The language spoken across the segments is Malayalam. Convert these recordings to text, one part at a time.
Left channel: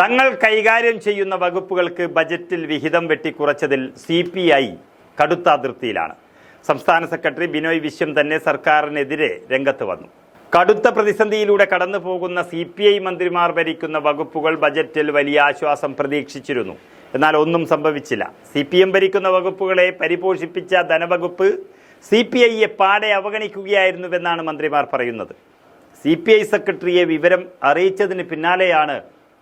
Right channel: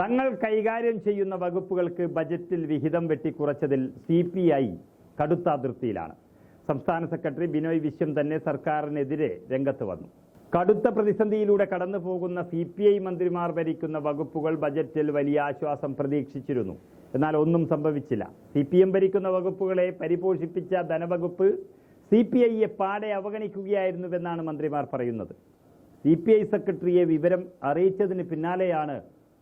തങ്ങൾ കൈകാര്യം ചെയ്യുന്ന വകുപ്പുകൾക്ക് ബജറ്റിൽ വിഹിതം വെട്ടിക്കുറച്ചതിൽ സി പി ഐ കടുത്ത അതിർത്തിയിലാണ്. സംസ്ഥാന സെക്രട്ടറി ബിനോയ് വിശ്വം തന്നെ സർക്കാരിനെതിരെ രംഗത്ത് വന്നു. കടുത്ത പ്രതിസന്ധിയിലൂടെ കടന്നു പോകുന്ന സി പി ഐ മന്ത്രിമാർ ഭരിക്കുന്ന വകുപ്പുകൾ ബജറ്റിൽ വലിയ ആശ്വാസം പ്രതീക്ഷിച്ചിരുന്നു. എന്നാൽ ഒന്നും സംഭവിച്ചില്ല. സി പി എം ഭരിക്കുന്ന വകുപ്പുകളെ പരിപോഷിപ്പിച്ച ധനവകുപ്പ് സി പി ഐയെ പാടെ അവഗണിക്കുകയായിരുന്നുവെന്നാണ് മന്ത്രിമാർ പറയുന്നത്. സി പി ഐ സെക്രട്ടറിയെ വിവരം അറിയിച്ചതിന് പിന്നാലെയാണ്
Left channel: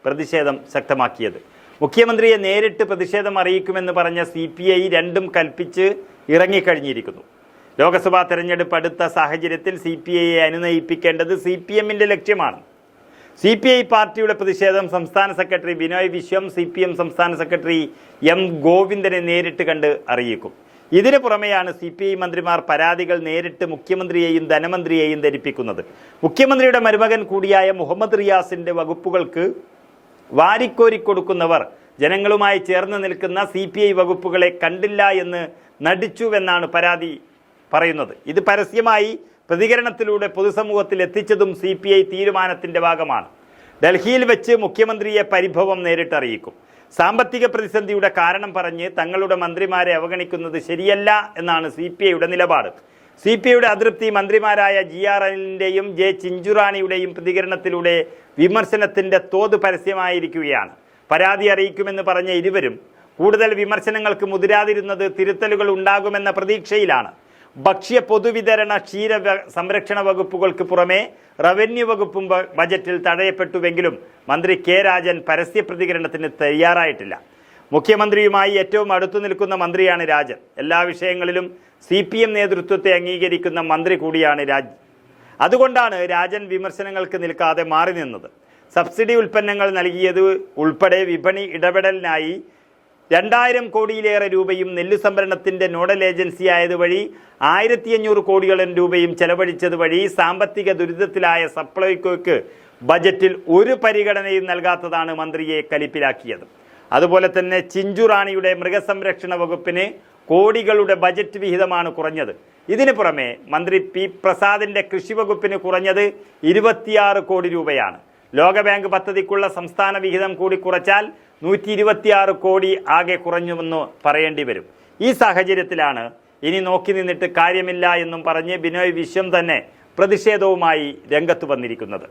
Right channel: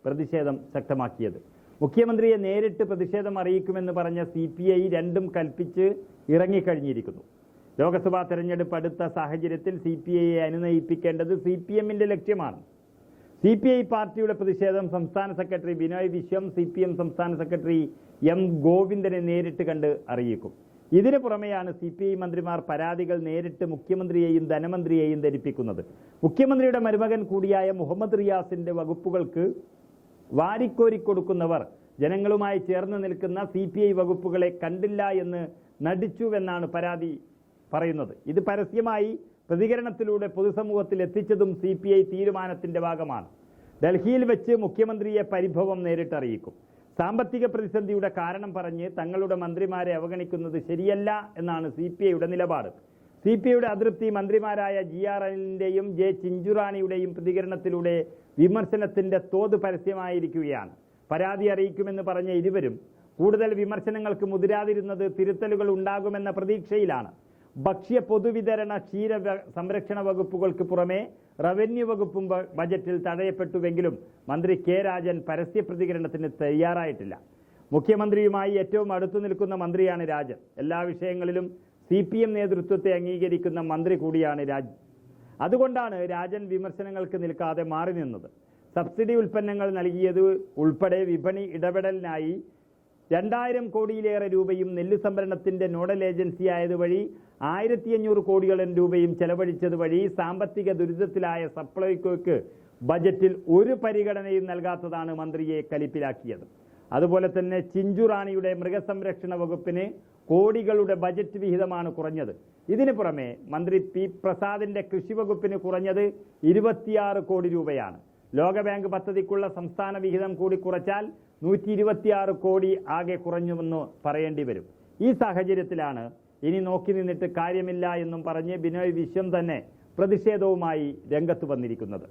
പ്രതിഷേധം ശക്തമാക്കിയത്. മുഖ്യമന്ത്രിയെ നേരിട്ട് പ്രതിഷേധം അറിയിക്കുമെന്ന് പറഞ്ഞ സി പി ഐ രണ്ടും കൽപ്പിച്ച് ഇറങ്ങിക്കഴിഞ്ഞിരിക്കുന്നു. ലോക്സഭാ തെരഞ്ഞെടുപ്പ് അടുത്ത സാഹചര്യത്തിൽ സി പി ഐയെ അനുനയിപ്പിക്കേണ്ടത് സി പി എമ്മിന്റെ ലക്ഷ്യമാണ്. സി പി ഐ പാർട്ടിയുടെ പ്രതിഷേധം സംസ്ഥാന secretary Binoy Viswam C P M സംസ്ഥാന സെക്രട്ടറി എം ഗോവിന്ദനെ നേരിട്ട് കണ്ട് അറിയിക്കും. ഇതിനു പുറമെയാണ് സി പി ഐ മന്ത്രിമാർ പരാതികൾ നേരിട്ട് മുഖ്യമന്ത്രിയെയും ധനമന്ത്രിയെയും ധരിപ്പിക്കുന്നത്. മുഖ്യമന്ത്രിയുടെ മരുമകൻ കൂടിയായ മുഹമ്മദ് റിയാസിന്റെ വകുപ്പുകൾക്ക് വാരിക്കോരി കൊടുക്കുന്നവർ ജനങ്ങളുമായി ചേർന്ന് നിൽക്കുന്ന സി പി ഐ വകുപ്പുകളെ കണ്ടില്ല എന്ന് നടിച്ചുവെന്നാണ് പരാതി പറയുന്നത്. ഇത് പരസ്യമായി പ്രതികരണത്തിലൂടെ പൊതുസമൂഹത്തിൽ എത്തിച്ചതും സി പി ഐ തീരുമാനത്തിന്റെ ഭാഗമാണ്. ഡൽഹിയിൽ വെച്ച് മുഖ്യമന്ത്രിയെ പരിഭവം നേരിട്ടറിയിക്കും സാമ്പത്തിക പ്രതിസന്ധിയുടെ കാരണം പറഞ്ഞ് തങ്ങളുടെ മന്ത്രിമാരെ അവഗണിക്കുന്നത് ശരിയല്ല എന്നാണ് സി പി ഐയുടെ നിലപാട്. സി പി ഐയുടെ അതൃപ്തി മന്ത്രിമാരായ ജി ആർ അനിലിന്റെയും ജെ ചിഞ്ചുറാണിയുടെയും പ്രതികരണത്തിലൂടെ വിമർശനത്തിന്റെ തോത് പരസ്യമായിരിക്കുകയാണ്. പരാതി അറിയിക്കുമെന്ന് പറഞ്ഞ ഇരുവരും കൂടുതൽ വിമർശനങ്ങൾക്ക് മുതിരാതിരുന്നത് തിരുത്തലുകൾ ഉണ്ടാകുമെന്ന പ്രതീക്ഷയിലാണ്. ഭക്ഷ്യ പൊതുവിതരണ ക്ഷീര സംരക്ഷണ വകുപ്പുകൾക്ക് പുറമെ റവന്യൂ വകുപ്പും ബജറ്റിൽ തടയപ്പെട്ടുവെങ്കിലും മന്ത്രി കെ രാജൻ പരസ്യ പ്രതികരണത്തിന് തയ്യാറായിട്ടില്ല. മുഖ്യമന്ത്രിയുമായി ഏറ്റവും അടുത്തു നിൽക്കുന്ന മന്ത്രിയാണ് രാജൻ. എല്ലാ വിഷയങ്ങളിലും സി പി എം നേതൃത്വത്തെ അംഗീകരിക്കുന്ന മന്ത്രി കൂടിയാണ് രാജ് അതുകൊണ്ടാണ് രാജൻ വിമർശനങ്ങൾക്ക് നിൽക്കാതെ മാറി നിന്നത്. സബ്സിഡി ഉൽപ്പന്നങ്ങൾ നൽകിയത് ഉൾപ്പെടെ വിപണി ഇടപെടലിനായി രണ്ടായിരം കോടിയിലേറെ രൂപയും നെല്ല് സംഭരണത്തിന്റെ നോഡൽ ഏജൻസി ആയതുവഴി ആയിരത്തി അഞ്ഞൂറ് കോടിയോളം രൂപയും ചെലവഴിച്ചത് വഴി സാമ്പത്തിക ദുരിതത്തിലായ സപ്ലൈകോയ്ക്ക് ബജറ്റിൽ ഒരു പരിഗണനയും നൽകാത്തതാണ് മന്ത്രിയെ കലിപ്പിലാക്കിയത്. അതുപോലെ തന്നെ ചിഞ്ചുറാണിയുടെ മൃഗസംരക്ഷണ വകുപ്പിന് കോടികളുടെ ബജറ്റ് വിഹിതമാണ് കുറഞ്ഞത്. ഇതിന് പുറമെ മന്ത്രി പി പ്രസാദിന്റെ കൃഷി വകുപ്പിന് കുറഞ്ഞത് ഇരുപത്തിയാറ് കോടി രൂപയാണ്. ലോകബാങ്ക് പദ്ധതിക്കുള്ള സംസ്ഥാന വിഹിതം കൂടി കുറച്ചാൽ നൂറ്റി ഇരുപത്തിയാറ് കോടി ആകെ കുറഞ്ഞുവെന്ന് പറയേണ്ടി വരും. ഈ സാഹചര്യത്തിലാണ് ഇനി നോക്കി നിന്നിട്ട് കാര്യമില്ല എന്നും പറഞ്ഞ് ബിനോയ് വിശ്വം തന്നെ പ്രതിഷേധവുമായി രംഗത്ത് വന്നിരിക്കുന്നത്.